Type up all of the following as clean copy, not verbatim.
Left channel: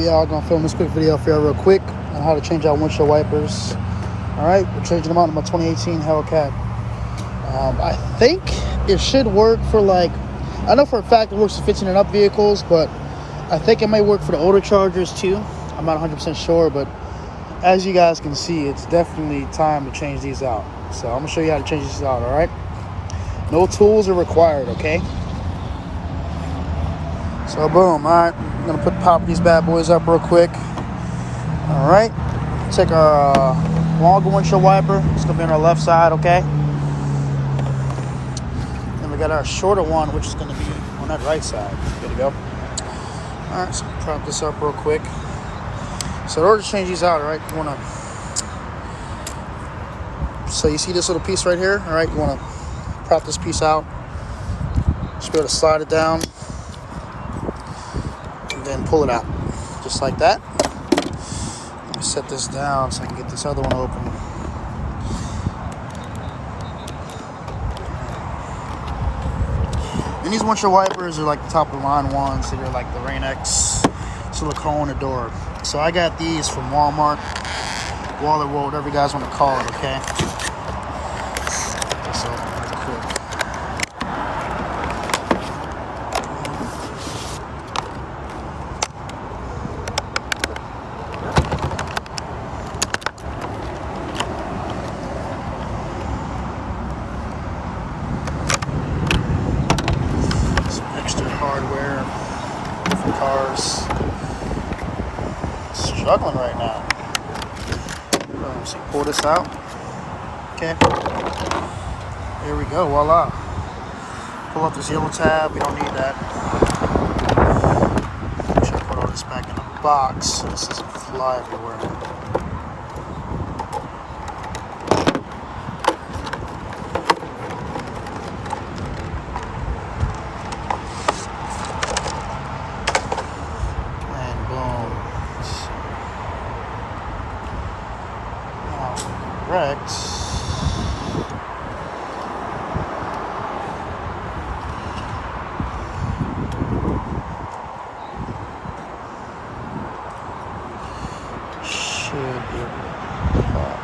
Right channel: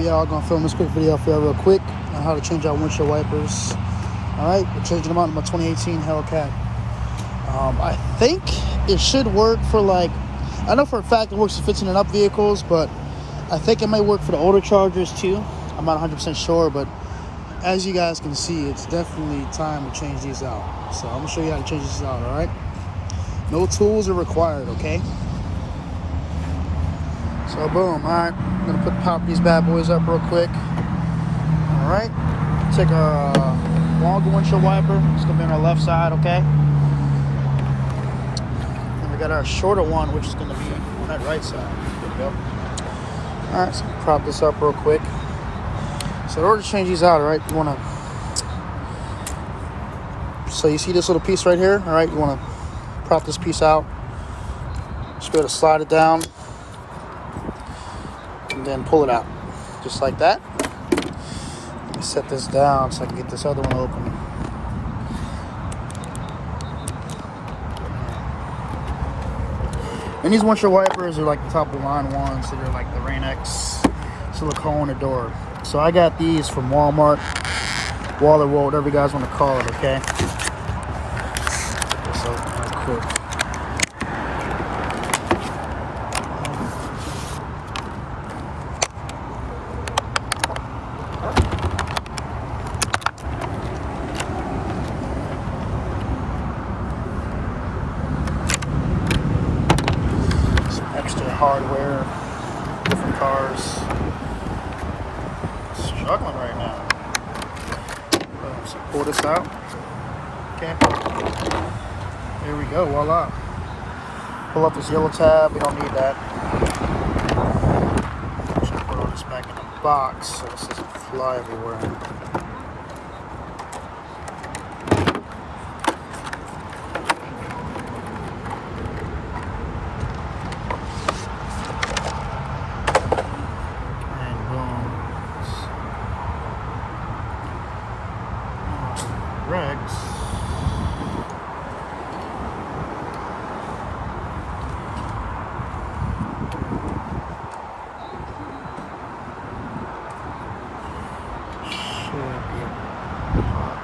But yeah, I'm gonna film this quick video for you real quick on how to change out windshield wipers. Alright, we're changing them out in my 2018 Hellcat. I think it should work for, like, I know for a fact it works for 15 and up vehicles, but I think it might work for the older Chargers too. I'm not 100% sure, but as you guys can see, it's definitely time to change these out. So I'm gonna show you how to change these out, alright? No tools are required, okay? So boom, alright. I'm gonna pop these bad boys up real quick. Alright. Take our longer windshield wiper. It's gonna be on our left side, okay? And we got our shorter one, which is gonna be on that right side. Good to go. Alright, so prop this up real quick. So in order to change these out, alright, you wanna, so you see this little piece right here, alright, you wanna prop this piece out. Just be able to slide it down and then pull it out. Just like that. Let me set this down so I can get this other one open. And these windshield wipers are like the top of the line ones. They're like the Rain-X silicone door. So I got these from Walmart, Waller World, whatever you guys want to call it, okay? Get this open real quick. Some extra hardware, different cars. Struggling right now. So pull this out. Okay. There we go. Voila. Pull up this yellow tab. We don't need that. Make sure I put all this back in the box so this doesn't fly everywhere. And boom. Correct. Should be able to pop.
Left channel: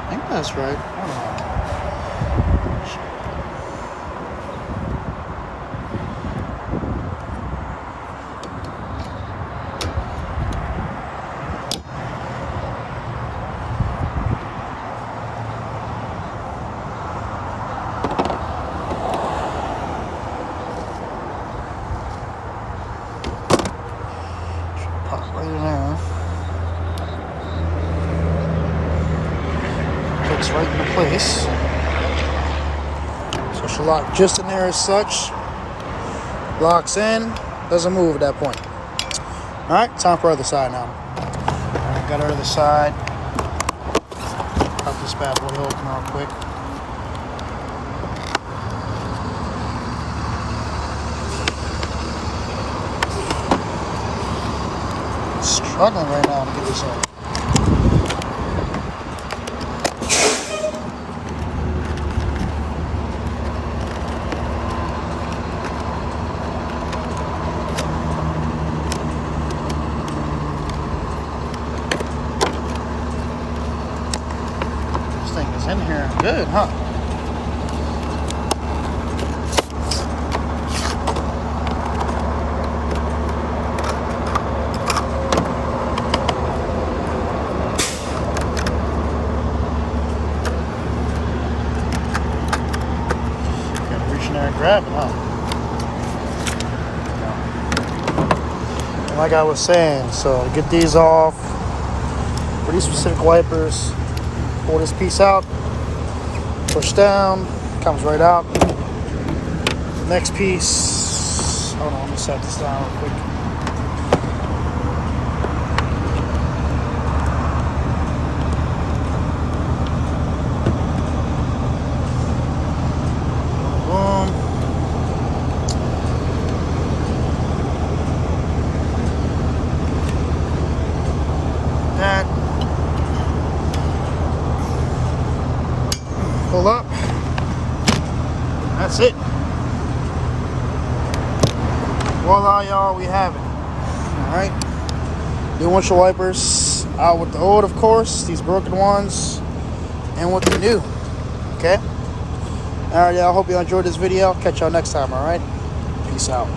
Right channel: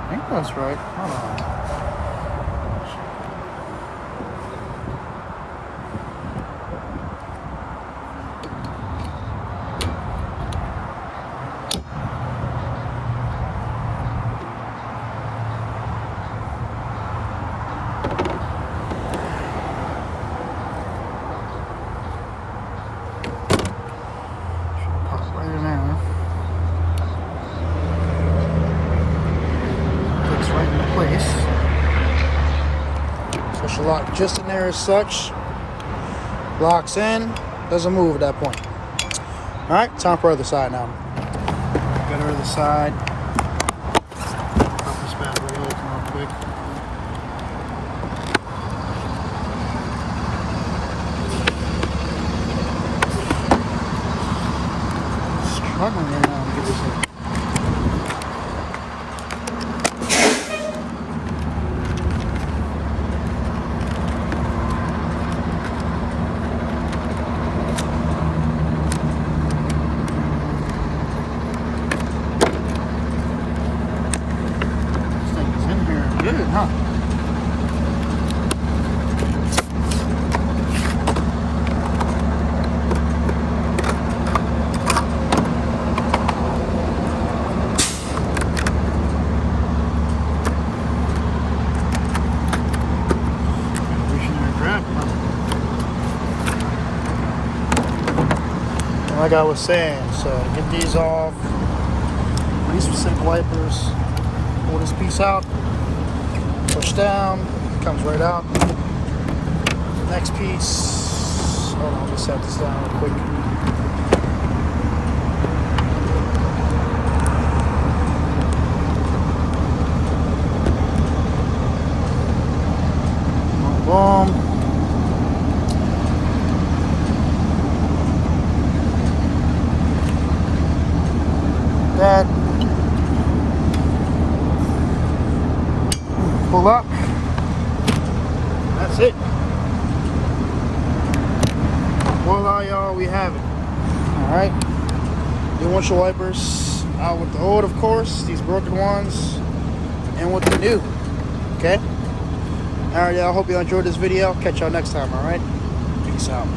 I think that's right. Hold on. Pop right in there. Clicks right into place. So she'll lock just in there as such. Locks in. Doesn't move at that point. Alright, time for the other side now. Got our other side. Pop this bad boy open real quick. Struggling right now to get this open. This thing is in here good, huh? Grab it, huh? And like I was saying, so get these off. For these specific wipers, pull this piece out, push down, comes right out. Next piece, hold on, let me set this down real quick. Boom, boom. That. Pull up. that's it. Voila, y'all, we have it. All right. New windshield wipers out with the old, of course, these broken ones, and with the new. Okay. All right, y'all. Hope y'all enjoyed this video. Catch y'all next time. All right. Peace out.